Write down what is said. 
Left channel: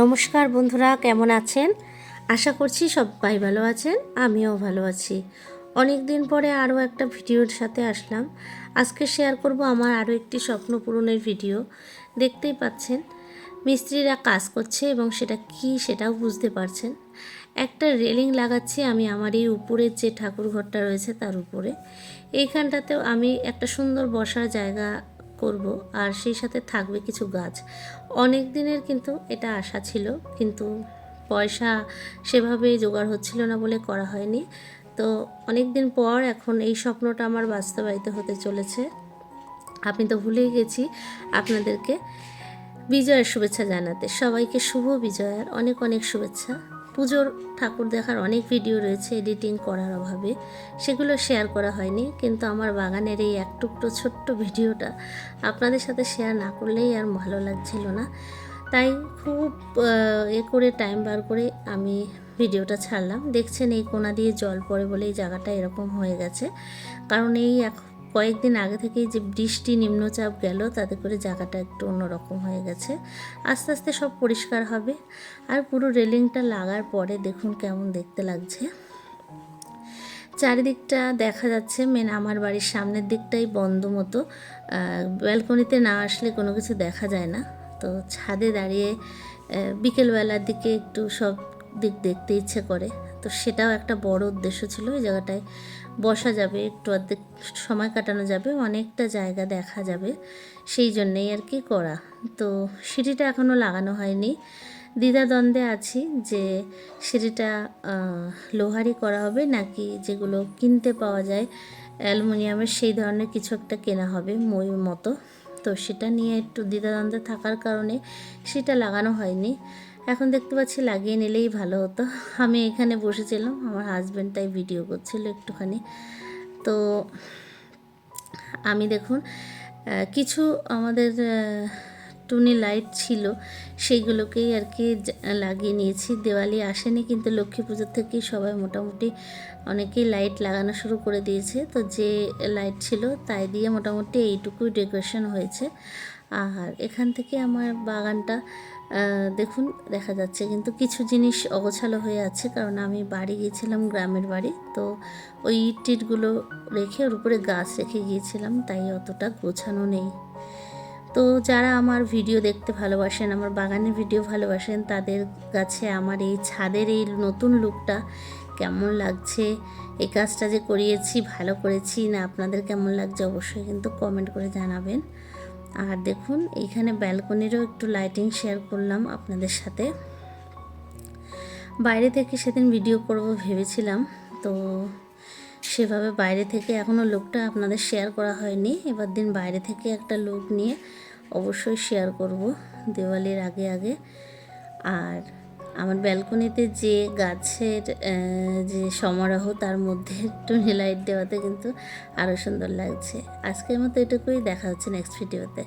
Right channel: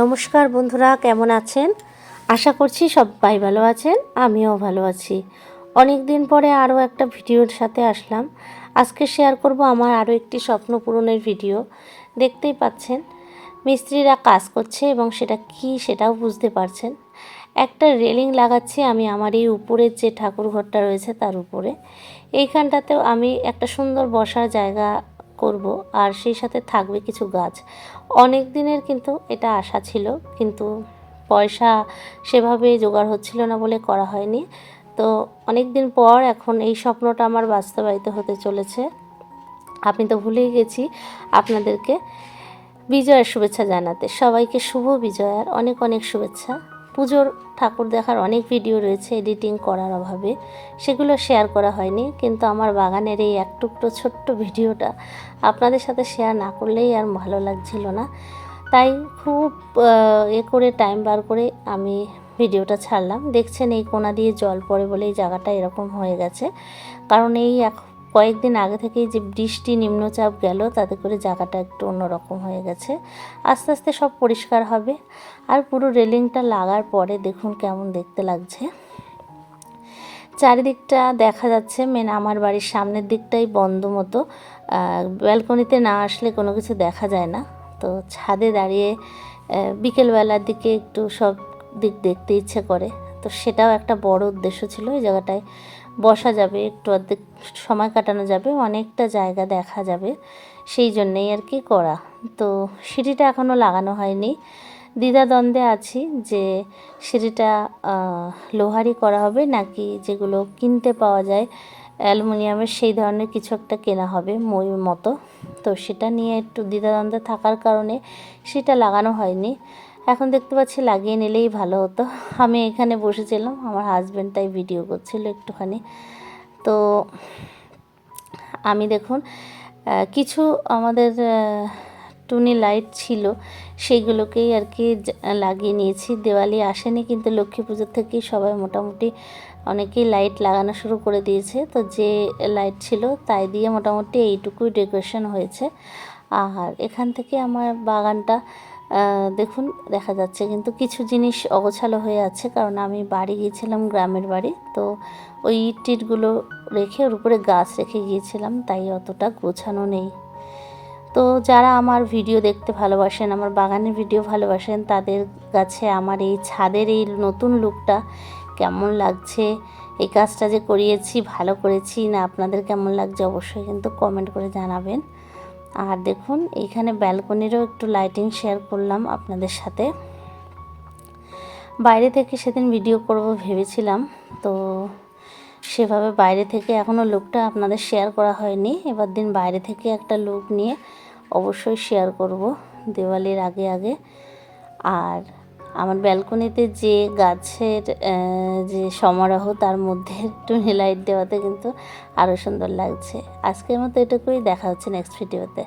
নমস্কার বন্ধুরা, কেমন আছেন? আশা করছি সবাই ভালো আছেন, আমিও ভালো আছি। অনেক দিন পরে আরও একটা ভিডিওর সাথে আসলাম। আজকে শেয়ার করব আমার আরও একটি স্বপ্ন পূরণের ভিডিও। দেখতেই পাচ্ছেন, মিস্ত্রিরা কাজ করছে এবং সেটা কি সেটাও বুঝতে পারছেন। একটা রেলিং লাগাচ্ছি আমি আমার এই উপরের যে ঠাকুর ঘরটা রয়েছে তার উপরে। এইখানটাতেও আমি একটা সুন্দর বসার জায়গা করব আর সেই সাথে থাকবে কিছু গাছ। অনেক দিনের কিন্তু এটা আশা ছিল, কিন্তু পয়সা সেভাবে জোগাড় হচ্ছিল না বলে করা হয়নি। তো অনেক দিন পর এখন এই স্বপ্নটা আমার বাস্তবায়িত হতে চলেছে। আমি তো ভুলেই গেছি আপনাদেরকে বিজয়ের শুভেচ্ছা জানাতে। সবাইকে শুভ বিজয়ার অনেক অনেক শুভেচ্ছা। পুজোর ঠাকুর দেখার অনেক ভিডিও রয়েছে এডিটিং করার অভাবে। সেগুলো শেয়ার করা হয়নি, কিন্তু আমার বাগানের এই এক টুকরো ছোট্ট ভিডিওটা আপনাদের সাথে শেয়ার না করলেই আর ভালো লাগছিল না। তাই খুব এ করে টাইম বার করে আমি ভিডিওটা ছাড়লাম। দেখছেন এই কোনা দিয়ে জল পড়ে বলে এই জায়গাটা এরকম হয়ে গেছে। কারণ এই এক কয়েকদিন আগে থেকেই যে বৃষ্টি নিম্নচাপ গেল, তাতে করে জায়গাটা একটু অন্যরকম হয়ে গেছে। আস্তে আস্তে সব পরিষ্কার হবে। আর পুরো রেলিংটা লাগার পরে দেখুন কেমন দেখতে লাগছে। চারিদিকটা দেখা যাচ্ছে মেন আমার বাড়ির সামনের দিকটাই বন্ধ মতো। ব্যালকনিতে না আসলে কোনো কিছু দেখা যায় না। তো ছাদে দাঁড়িয়ে বিকেলবেলার দিকে একটু সব দিক দেখতে ইচ্ছে করে। তো সেটাও একটা বড় উদ্দেশ্য ছিল ওই জায়গাটায় বসা যাবে, একটু অর্ধেক সময় কাটানো যাবে, অনেকটা জায়গা দেখা যাবে, সেই জন্যেই আর কি করা। তো সিঁড়িটা এখনও লাগানো হয়নি। দ্বিধাদ্বন্দ্বে আছি যে সিঁড়িটা লোহারই করা হবে নাকি যেগুলো কিনতে পাওয়া যায়, অ্যালুমিনিয়ামের সেই ধরনের কিছু একটা কেনা হবে ময়ূর মতো। তো সেটা নিয়ে একটু দ্বিধাদ্বন্দ্বে থাকার কারণে সেটা লাগানো হয়নি। এখন দেখতে পাচ্ছি লাগিয়ে নিলেই ভালো হতো। আমি এখানে বসেছিলাম, আমার হাজব্যান্ড তাই ভিডিও করছিল একটুখানি। তো আমি দেখুন কিছু আমাদের টুনি লাইট ছিল সেইগুলোকেই আর কি লাগিয়ে নিয়েছি। দেওয়ালি আসেনি, কিন্তু লক্ষ্মী পুজোর থেকেই সবাই মোটামুটি অনেকেই লাইট লাগানো শুরু করে দিয়েছে। তো যে লাইট ছিল, তাই দিয়ে মোটামুটি এইটুকুই ডেকোরেশন হয়েছে। আর এখান থেকে আমার বাগানটা দেখুন, দেখা যাচ্ছে কিন্তু কিছু জিনিস অগোছালো হয়ে আছে, কারণ আমি বাড়ি গিয়েছিলাম, গ্রামের বাড়ি, তো ওই ইট টিটগুলো রেখে ওর উপরে গাছ রেখে গিয়েছিলাম, তাই অতটা গোছানো নেই। তো যারা আমার ভিডিও দেখতে ভালোবাসেন, আমার বাগানের ভিডিও ভালোবাসেন, তাদের কাছে আমার এই ছাদের এই নতুন লুকটা কেমন লাগছে, এই কাজটা যে করিয়েছি, ভালো করেছি, না আপনাদের কেমন লাগছে, অবশ্যই কিন্তু কমেন্ট করে জানাবেন। আর দেখুন এইখানে ব্যালকনিরও একটু লাইটিং শেয়ার করলাম আপনাদের সাথে। বাইরে থেকে সেদিন ভিডিও করব ভেবেছিলাম, তো সেভাবে বাইরে থেকে এখনও লুকটা আপনাদের শেয়ার করা হয়নি। এবার দিন বাইরে থেকে একটা লুক নিয়ে অবশ্যই শেয়ার করব দেওয়ালির আগে আগে। আর আমার ব্যালকনিতে যে গাছের যে সমারোহ, তার মধ্যে একটু লাইট দেওয়াতে কিন্তু আরও সুন্দর লাগছে। আজকের মতো এটুকুই, দেখা হচ্ছে নেক্সট ভিডিওতে